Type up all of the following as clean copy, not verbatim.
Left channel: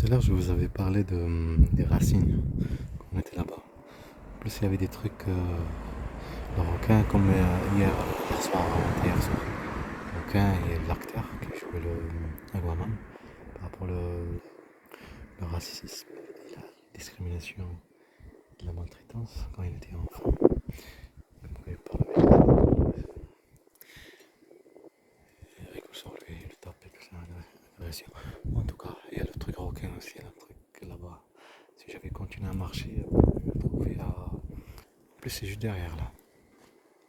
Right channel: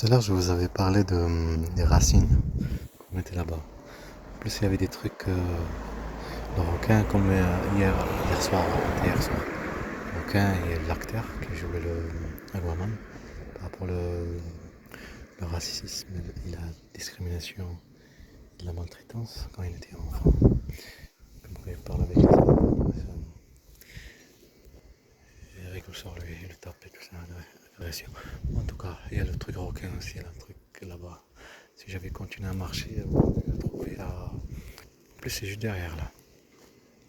Tout à l'heure, je vous avais parlé des racines qu'on était là-bas. En plus, il y avait des trucs de requins comme hier soir, hier soir. Le requin et l'acteur qui jouait le Aquaman par rapport le racisme et la discrimination et la maltraitance quand il était enfant. Comme quand il parle avec les animaux, il rigole sur lui, il le tape et tout ça, l'agression. En tout cas, il y a le truc requin aussi, il y a un truc là-bas. Si j'avais continué à marcher, je le trouvais à. En plus, c'est juste derrière là.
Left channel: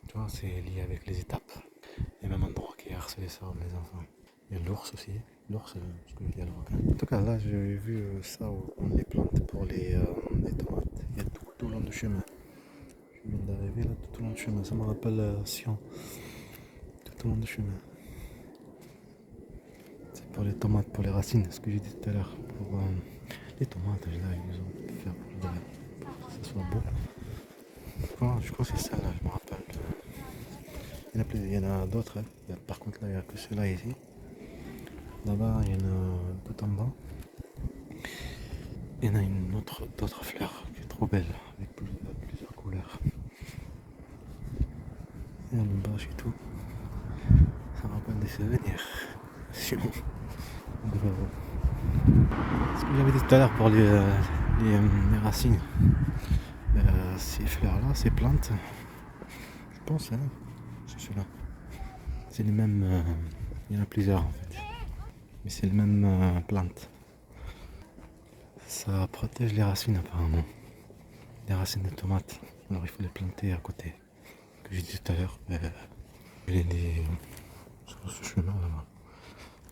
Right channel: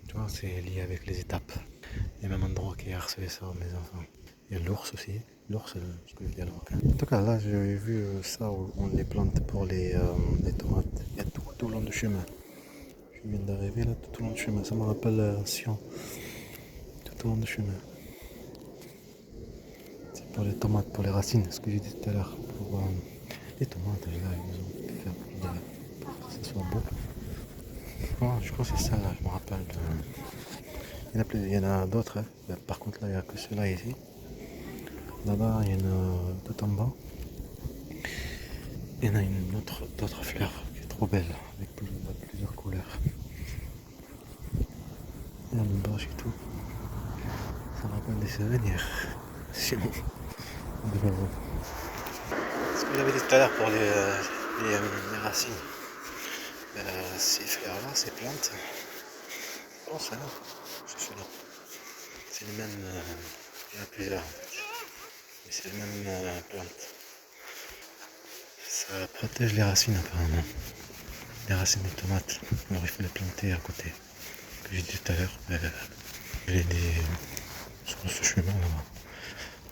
Tu vois, c'est lié avec les étapes. Et même endroit qui a harcelé ça, mes enfants. Il y a l'ours aussi. L'ours, ce que je dis à le requin. En tout cas, là, j'ai vu ça où on les plante pour les tomates. Il y a tout le long du chemin. Je viens d'arriver là, tout au long du chemin. Ça me rappelle Sion. Tout au long du chemin. C'est pour les tomates, pour les racines, ce que j'ai dit tout à l'heure. Pour les tomates, là, j'ai besoin de faire pour que ça soit beau. Je crois que c'est ça, là, je me rappelle. Il y en a d'autres. Hein. Par contre, là, il n'y a que ceux-là ici. Là-bas, il y en a tout en bas. Il y en a d'autres fleurs qui est trop belle, avec plusieurs couleurs. Il y a une bâche et tout. Ça me rappelle des souvenirs. Sinon, ce que j'avais dit tout à l'heure pour les racines. Ces fleurs-là, ces plantes, je pense, hein, c'est cela. C'est les mêmes. Il y en a plusieurs en fait. Mais c'est les mêmes plantes. Ça protège les racines apparemment. Les racines des tomates. Alors il faut les planter à côté. Que j'ai dit tout à l'heure. J'ai des. Sur ce chemin là-bas.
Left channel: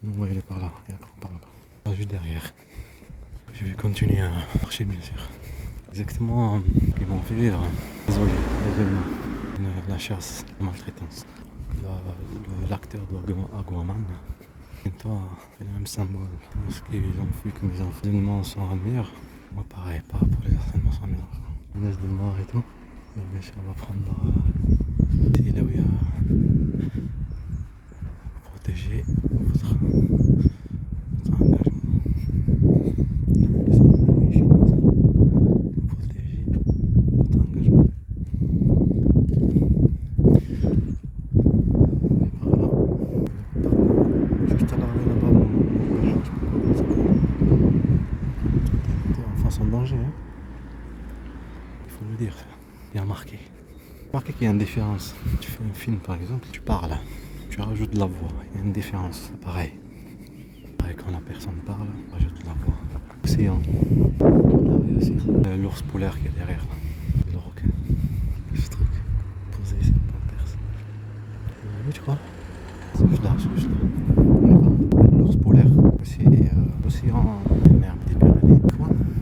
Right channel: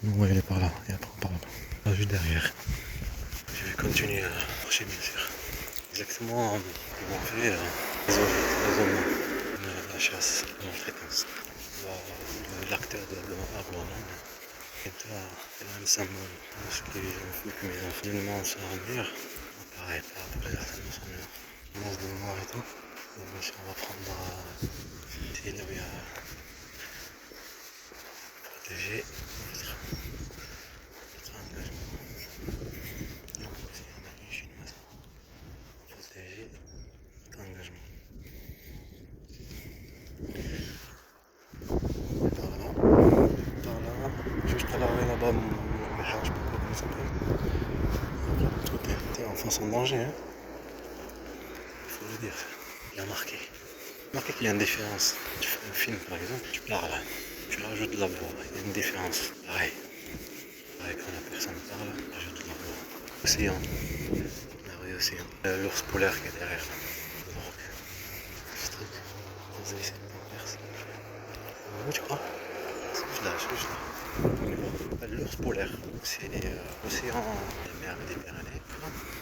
Nous on va y aller par là. Et après on part là-bas. Juste derrière. Je vais continuer à marcher bien sûr. Exactement où on fait l'isolement. La chasse, la maltraitance. L'acteur de Aquaman. Et toi, c'est le même symbole. Ce qu'ils ont fait que mes enfants. Les éléments sont en mur. Moi pareil, par rapport les harcèlements sont en mur. On laisse de noir et tout. Et bien sûr, on va prendre c'est là où il y a protéger notre engagement. C'est une amie chinoise. Protéger notre engagement. Et par là, juste à l'arrêt là-bas, je sais pas comment ça s'appelle. Il y a plein de trucs. T'es enfants en danger, hein. Il faut le dire. Il y a marqué. Remarquez qu'il y a une différence. Tu fais un film par exemple, tu parles, tu rajoutes de la voix, il y a une différence. Pareil. Pareil quand la personne parle, rajoute de la voix. Océan. Là aussi. L'ours polaire qui est derrière là. Le requin. Ce truc. Vous avez essayé de percer. C'est où tu crois? C'est là, juste là. L'ours polaire. C'est l'océan de la mer Méditerranée.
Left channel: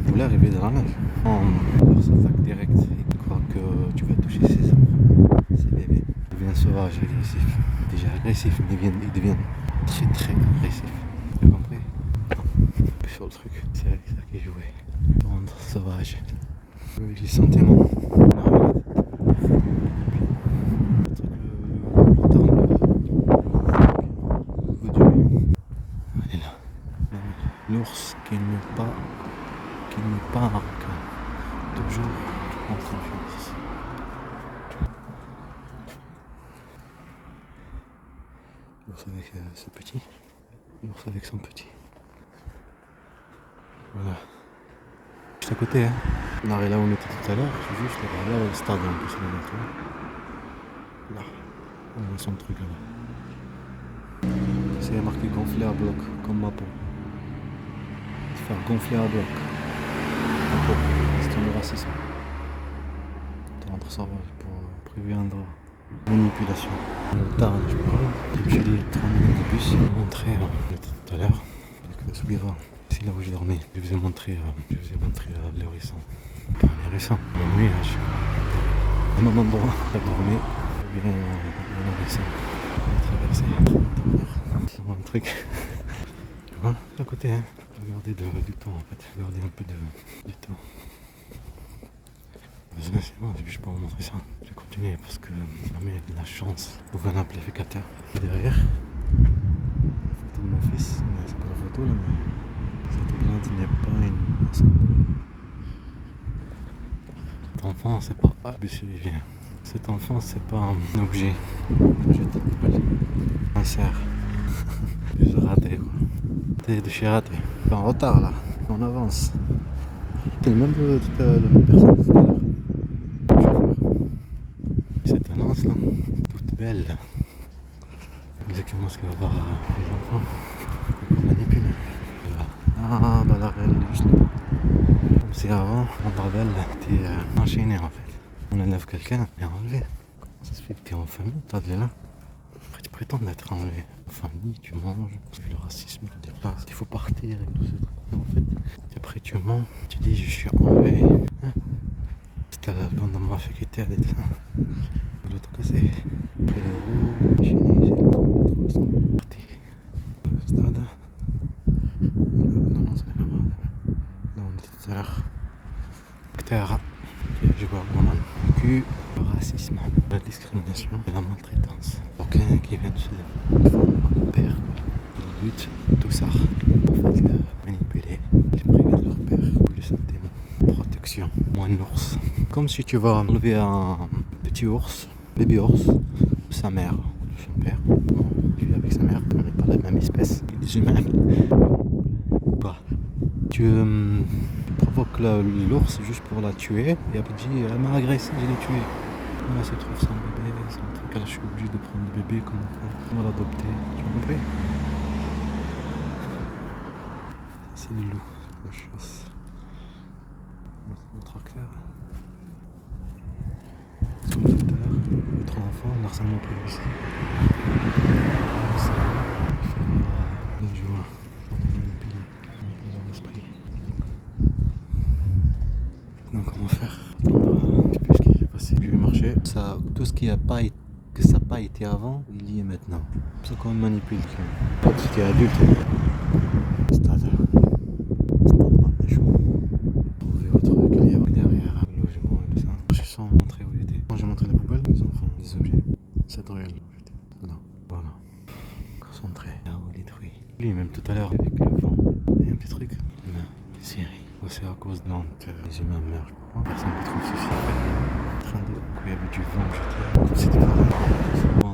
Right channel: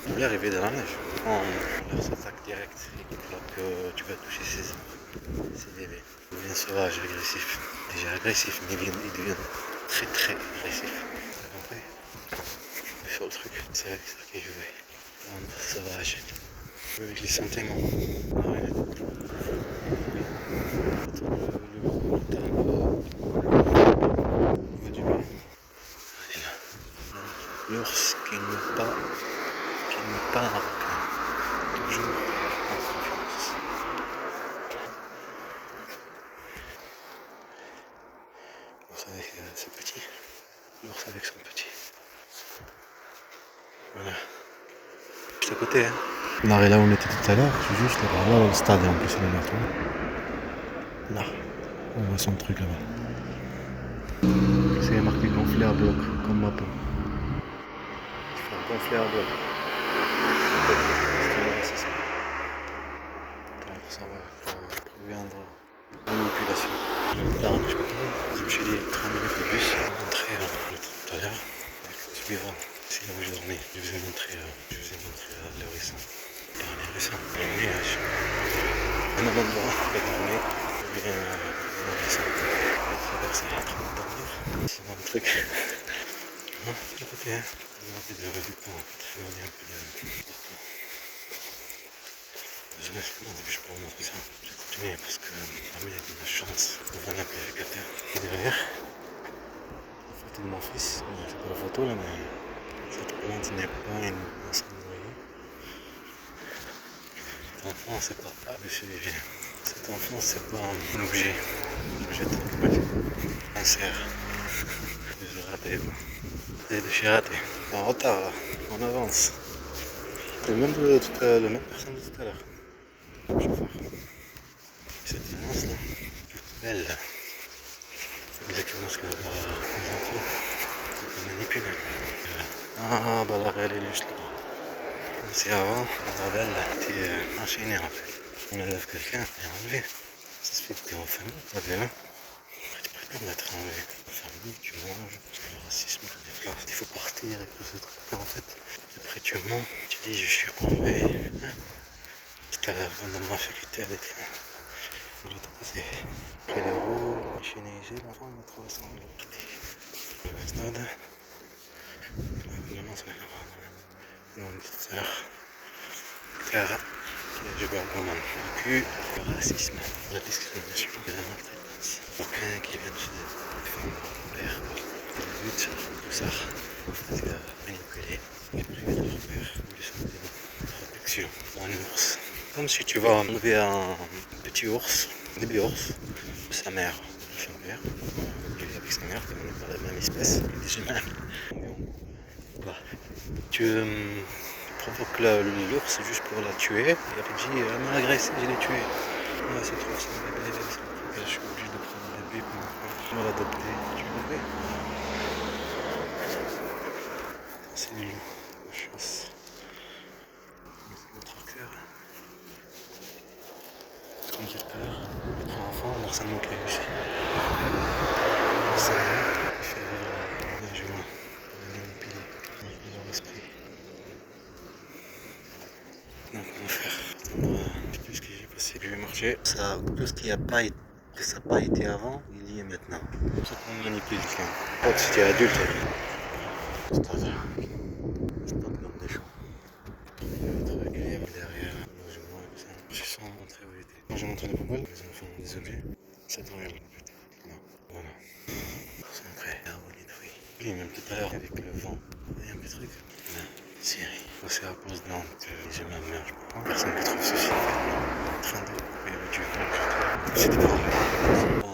Le polaire il vit dans la neige. Quand leur s'attaque direct, il croit que tu vas toucher ses os. C'est bébé. Il devient sauvage, agressif. Déjà agressif, il devient très très agressif. Vous comprenez? Sur le truc, c'est avec ça qu'il jouait. Rendre sauvage. Avec les sentiments. L'ours qui n'est pas un requin. Toujours en confiance. L'ours avec ce petit. L'ours avec son petit. Voilà. Juste à côté, hein. On arrive là où on était tout à l'heure, c'est juste là où le stade est en plus, il est là, tu vois. Là, on voit son truc là-bas. C'est marqué gonfler à bloc, comme ma peau. Se faire gonfler à bloc. C'est une raciste. Ça va pour trouver un droit. Manipulation. Le tard, je crois. J'ai dit 3 minutes de bus. Je vais montrer tout à l'heure. Avec le suivant. C'est là où j'ai dormi. Je vous ai montré l'horizon. Pas l'horizon. La nuit, un même endroit. Pas dormi. Je viens l'horizon. Je vais traverser la montagne. C'est mon truc. Hein, à côté, hein. Regardez du temps en fait. Regardez un peu du temps. Désolé, c'est bon, je peux vous montrer ça. Je vais continuer parce que la mienne a de la chance. Vous voyez l'amplificateur. Et derrière, la photo de mon fils. C'est pas la photo là, mais j'ai tout ce n'est pas une maçonnerie. Cet enfant, c'est pas Cet enfant, c'est pas un objet. Je jette. Un cerf. J'ai raté quoi. J'ai raté. En retard là. On avance. C'est le même même personne de tout à l'heure. Le chauffeur. Cette annonce là. Toute belle. C'est exactement ce que va voir les enfants. C'est pas manipulé. Ah bah la réelle elle est juste là. Si avant, on rebelle, t'es enchaîné en fait. On enlève quelqu'un, t'es enlevé. Ça se fait que t'es en famille, pas bien. Après tu prétends d'être enlevé. En famille, tu manges, le racisme te déplace, il faut partir et tout ce truc. Et en fait, après tu mens, tu dis je suis enlevé. Hein, c'était dans ma faculté avec de l'autre côté. Après l'euro, enchaîné, j'ai 300 parti. Le stade. Maintenant c'est là-bas. Dans une petite heure. Terre. Je vois vraiment le racisme, la discrimination et la maltraitance. Aucun qui vient de chez eux. Mon père, le but, tout ça, manipuler, supprimer leur père, plus de protection. Moi, un ours. Comme si tu vas enlever un petit ours, bébé ours, de sa mère. Son père, il est avec sa mère, on n'est pas la même espèce, des humains. Bah, tu provoques l'ours juste pour la tuer, et après tu dis elle m'a agressé, je l'ai tué. Ah, c'est trop, c'est un bébé, c'est un truc, je suis obligé de prendre le bébé comme on va l'adopter. Tu veux le bébé? C'est le loup, la chasse. C'est mon tracteur. Comme tout à l'heure, les 3 enfants, l'harcèlement qu'il y a eu ici. Ça fait 9 juin. On est manipulé dans leur esprit. Donc comment faire? Qu'est-ce que j'ai passé? Je vais marcher. Ça, tout ce qui a pas été, que ça n'a pas été avant, il y est maintenant. C'est comme ça qu'on manipule quelqu'un. Si tu es adulte, stade. Stade Marne-des-Champs. Trouver votre truc derrière le logement et tout ça. Je suis sans montrer où il était. Moi j'ai montré les poubelles, les enfants, des objets. C'est réel. Voilà. Concentré. Là où il détruit. Oui, même tout à l'heure avec le vent. Il y a un petit truc. Là, Syrie. C'est à cause de Nantes que j'ai ma mère, je crois. Personne ne trouve ce film. En train de. Il y avait du vent, c'était pareil.